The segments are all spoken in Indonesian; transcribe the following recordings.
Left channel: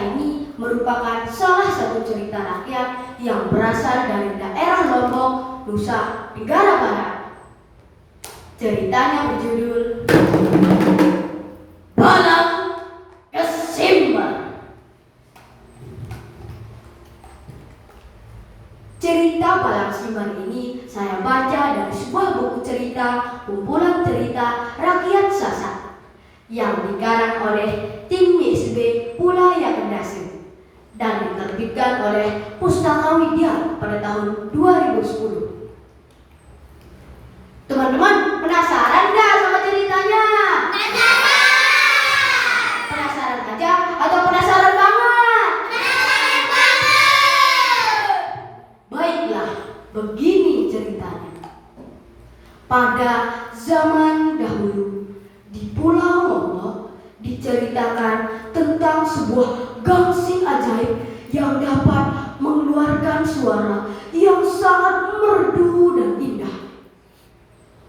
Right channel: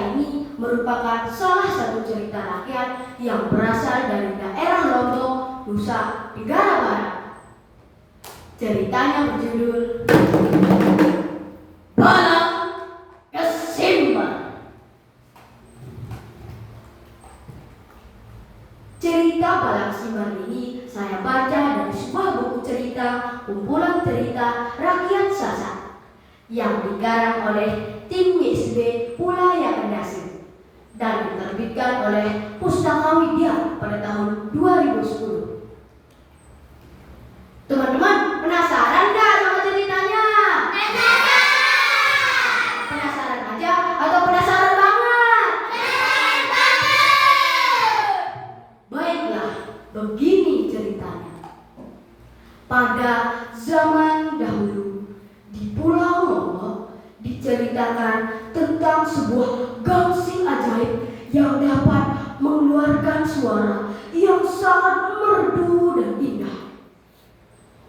ini merupakan salah satu cerita rakyat yang berasal dari daerah Lombok, Nusa Tenggara Barat. Ceritanya berjudul Balang Kesimbar. Cerita Balang Simbar ini saya baca dari sebuah buku cerita kumpulan cerita rakyat Sasak yang dikarang oleh tim MSB Pulaya Kendasi dan diterbitkan oleh Pustaka Widya pada tahun 2010. Teman-teman, penasaran nggak sama ceritanya? Penasaran aja atau penasaran banget? Penasaran banget. Baiklah, begini ceritanya. Pada zaman dahulu, di Pulau Lombok diceritakan tentang sebuah gangsing ajaib yang dapat mengeluarkan suara yang sangat merdu dan indah.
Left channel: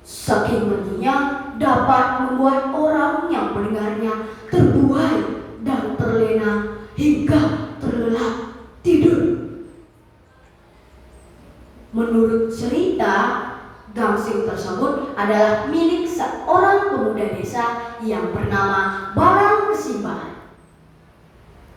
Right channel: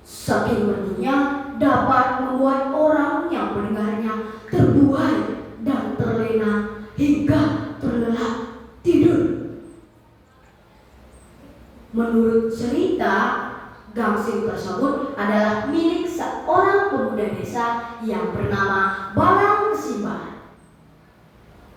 Saking merdunya dapat membuat orang yang mendengarnya terbuai dan terlena hingga terlelap tidur. Menurut cerita, gangsing tersebut adalah milik seorang pemuda desa yang bernama Balang Kesimbar.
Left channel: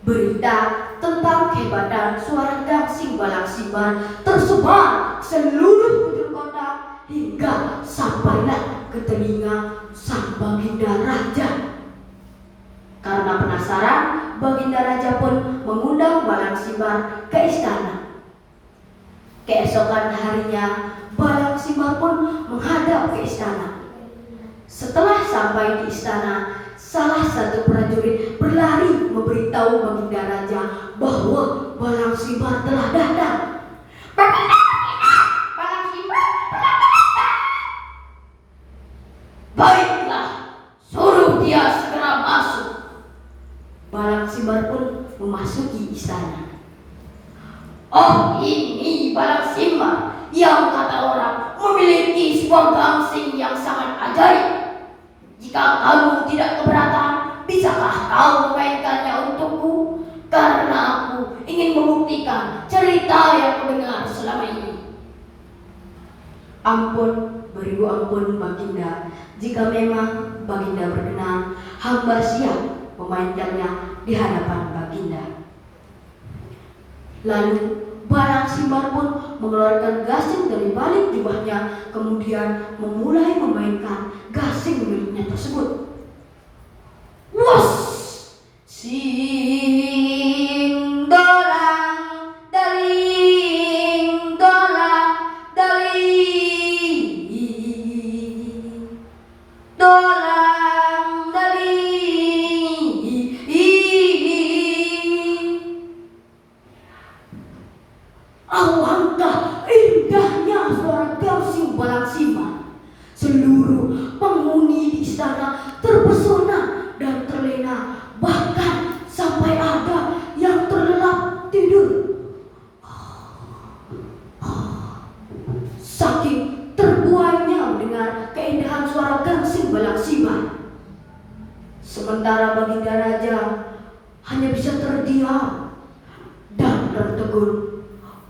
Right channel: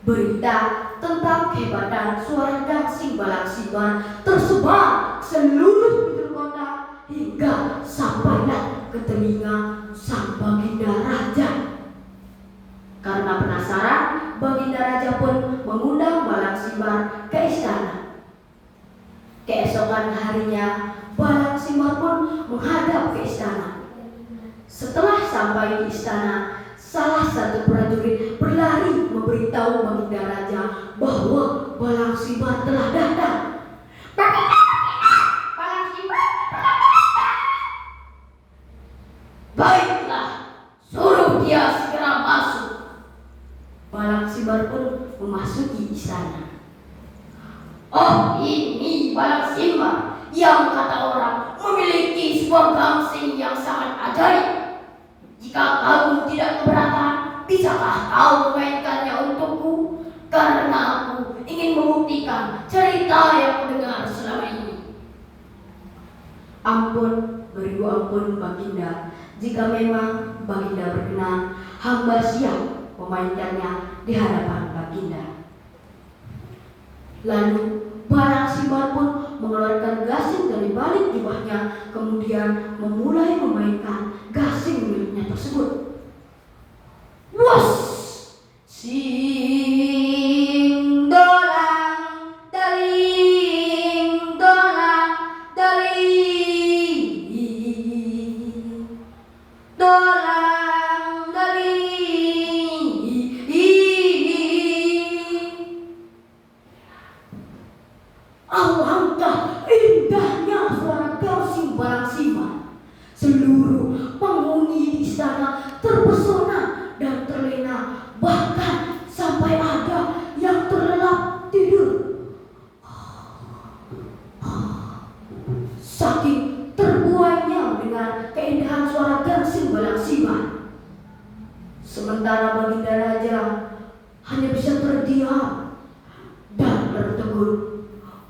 Berita tentang kehebatan suara gangsing Balang Simbar tersebar seluruh penjuru kota hingga sampailah ke telinga sang Baginda Raja. Karena penasaran, Baginda Raja pun mengundang Balang Simbar ke istana. Keesokan harinya, Balang Simbar pun menghadap ke istana. Setelah sampai di istana, salah satu prajurit berlari memberitahu Baginda Raja bahwa Balang Simbar telah datang. Balang Simbar telah datang. Baiklah, suruh dia segera masuk. Balang Simbar pun memasuki istana. Oh, ini Balang Simbar yang kata orang memiliki sebuah gangsing yang sangat ajaib. Jika kamu tidak keberatan, bisakah kau memainkannya untukku? Karena aku ingin membuktikan cerita yang kudengar selama ini. Ampun, beribu ampun Baginda. Jika memang Baginda berkenan, hamba siap memainkannya di hadapan Baginda. Lalu Balang Simbar pun mengeluarkan gasing dari balik jubahnya, kemudian memulai memainkan gasing miliknya tersebut. Wos, sing dolang daling dolang daling dolang daling. Alangkah indahnya suara gangsing Balang Simbar. Seluruh penghuni di istana terpesona dan terlena, bahkan sampai ada yang terlelap tidur. Saking terbuainya mendengar keindahan suara gangsing Balang Simbar. Sementara Baginda Raja hanya bisa terdiam dan tertegun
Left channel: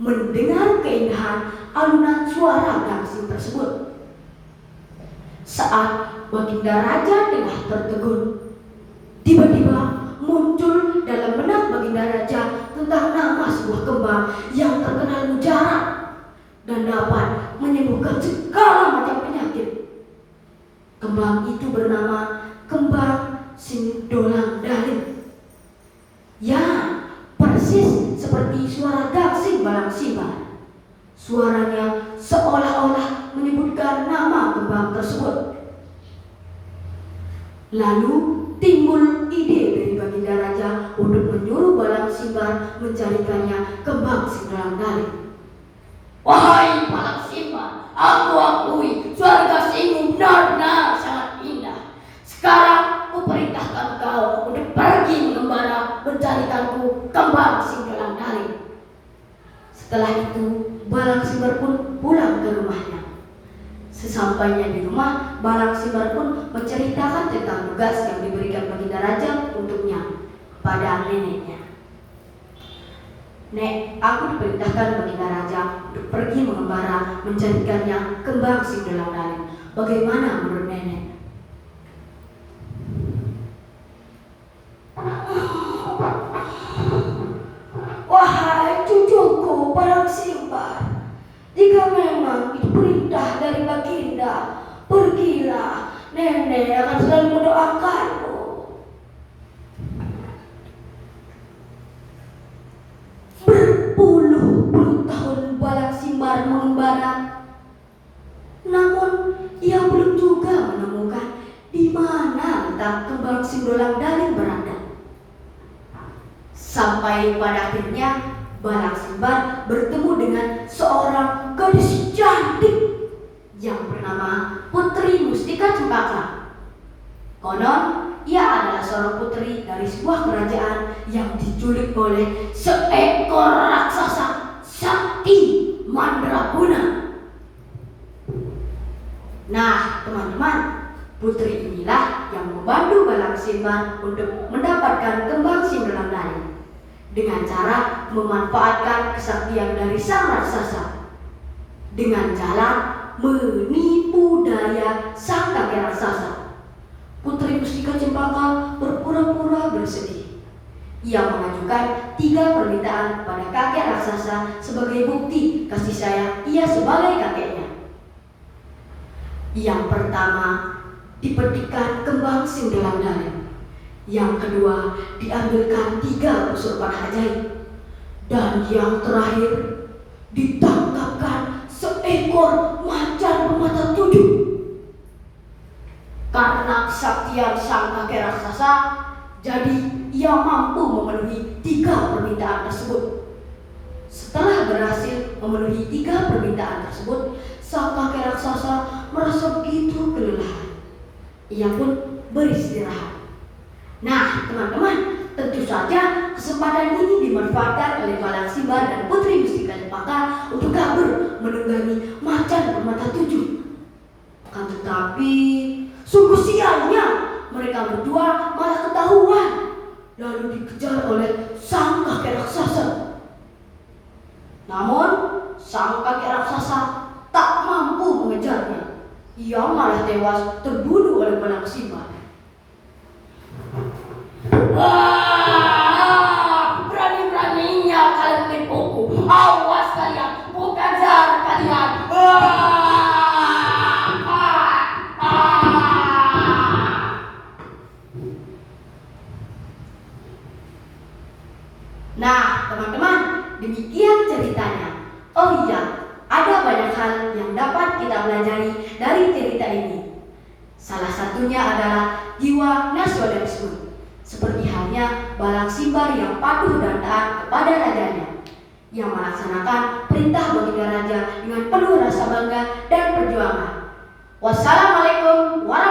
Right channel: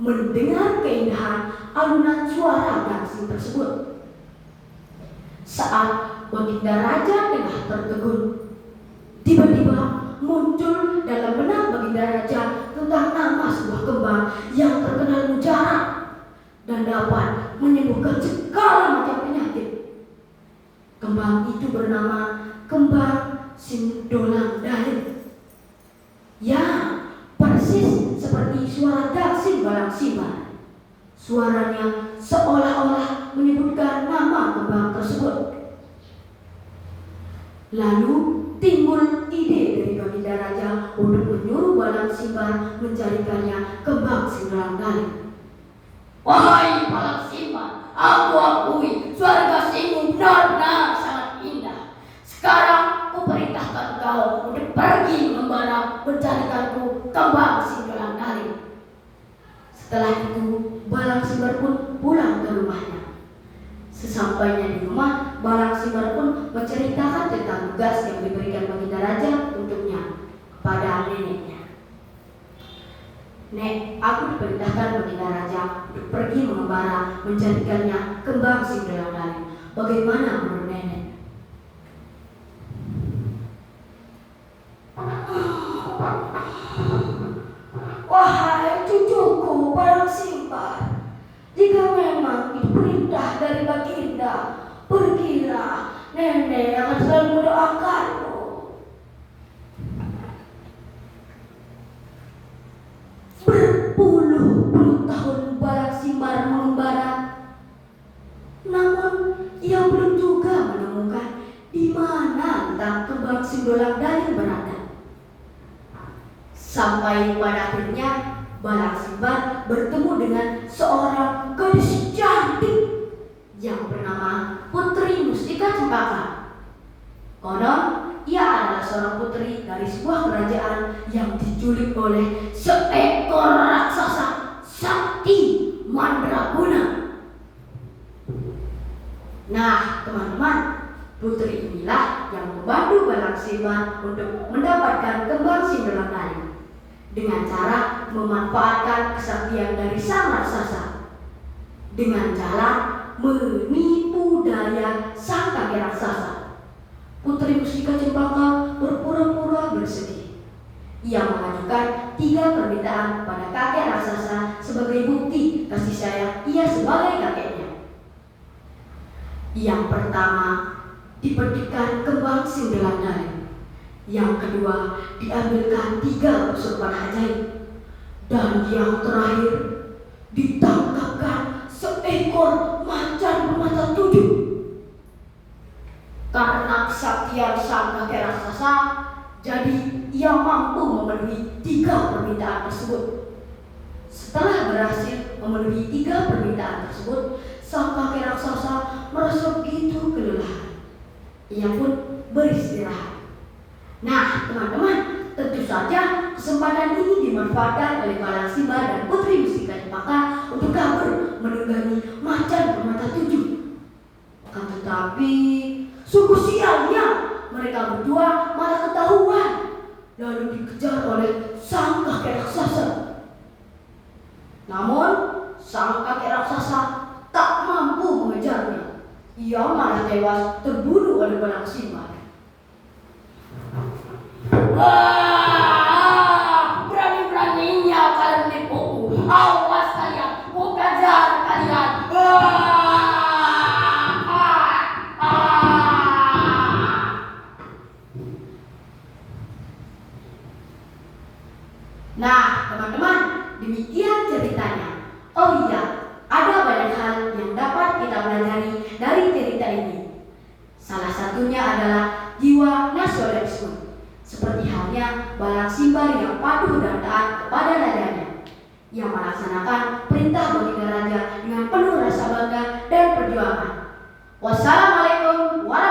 mendengar keindahan alunan suara gangsing tersebut. Saat Baginda Raja tengah tertegun, tiba-tiba muncul dalam benak Baginda Raja tentang nama sebuah kembang yang terkenal mujarab dan dapat menyembuhkan segala macam penyakit. Kembang itu bernama kembang sing dolang daling. Ya, persis seperti suara gangsing Balang Simbar. Suaranya seolah-olah menyebutkan nama kembang tersebut. Lalu timbul ide dari Baginda Raja untuk menyuruh Balang Simbar mencarikannya kembang sing dolang daling. Wahai Balang Simbar, aku akui suara gangsingmu benar-benar sangat indah. Sekarang aku perintahkan kau untuk pergi mengembara mencarikanku kembang sing dolang daling. Setelah itu, Balang Simbar pun pulang ke rumahnya. Sesampainya di rumah, Balang Simbar pun menceritakan tentang tugas yang diberikan Baginda Raja untuknya pada neneknya. Nek, aku diperintahkan meninggal raja untuk pergi mengembara menjadikannya kembang Sindolangdali. Bagaimana menurut nenek? Wahai cucuku Balang Simbar, jika memang itu perintah dari Baginda, pergilah. Nenek akan selalu mendoakanmu. Berpuluh-puluh tahun Balang Simbar mengembara, namun ia belum juga menemukan di mana letak kembang Sindolangdali berada. Sampai pada akhirnya Balang Simbar bertemu dengan seorang gadis cantik yang bernama Putri Mustika Cempaka. Konon ia adalah seorang putri dari sebuah kerajaan yang diculik oleh seekor raksasa sakti mandraguna. Nah, teman-teman, putri inilah yang membantu Balang Simbar untuk mendapatkan kembang Sindolangdali dengan cara memanfaatkan kesaktian dari sang raksasa, dengan cara menipu daya sang kakek raksasa. Putri Mustika Cempaka berpura-pura bersedih. Ia mengajukan 3 permintaan kepada kakek raksasa sebagai bukti kasih sayang ia sebagai kakeknya. Yang pertama, dipetikkan kembang Sindolangdali. Yang kedua, diambilkan 3 pusuk panah ajaib. Dan yang terakhir, ditangkapkan seekor macan bermata 7. Karena kesaktian sang kakek raksasa, jadi ia mampu memenuhi 3 permintaan tersebut. Setelah berhasil memenuhi 3 permintaan tersebut, sang kakek raksasa merasa begitu kelelahan. Ia pun beristirahat. Nah, teman-teman, tentu saja kesempatan ini dimanfaatkan oleh Balang Simbar dan Putri Mustika Cempaka untuk kabur menunggangi macan bermata 7. Akan tetapi, sungguh sialnya mereka berdua malah ketahuan, lalu dikejar oleh sang kakek raksasa. Namun, sang kakek raksasa tak mampu mengejarnya. Ia malah tewas terbunuh oleh Balang Simbar. Berani-beraninya kalian menipuku. Awas kalian, bukan jahat kalian. Nah, teman-teman, demikian ceritanya. Oh iya, ada banyak hal yang dapat kita pelajari dari cerita ini. Salah satunya adalah jiwa nasionalisme, seperti halnya Balang Simbar yang patuh dan taat kepada rajanya, yang melaksanakan perintah Baginda Raja dengan penuh rasa bangga dan perjuangan. Wassalamualaikum warahmatullahi wabarakatuh.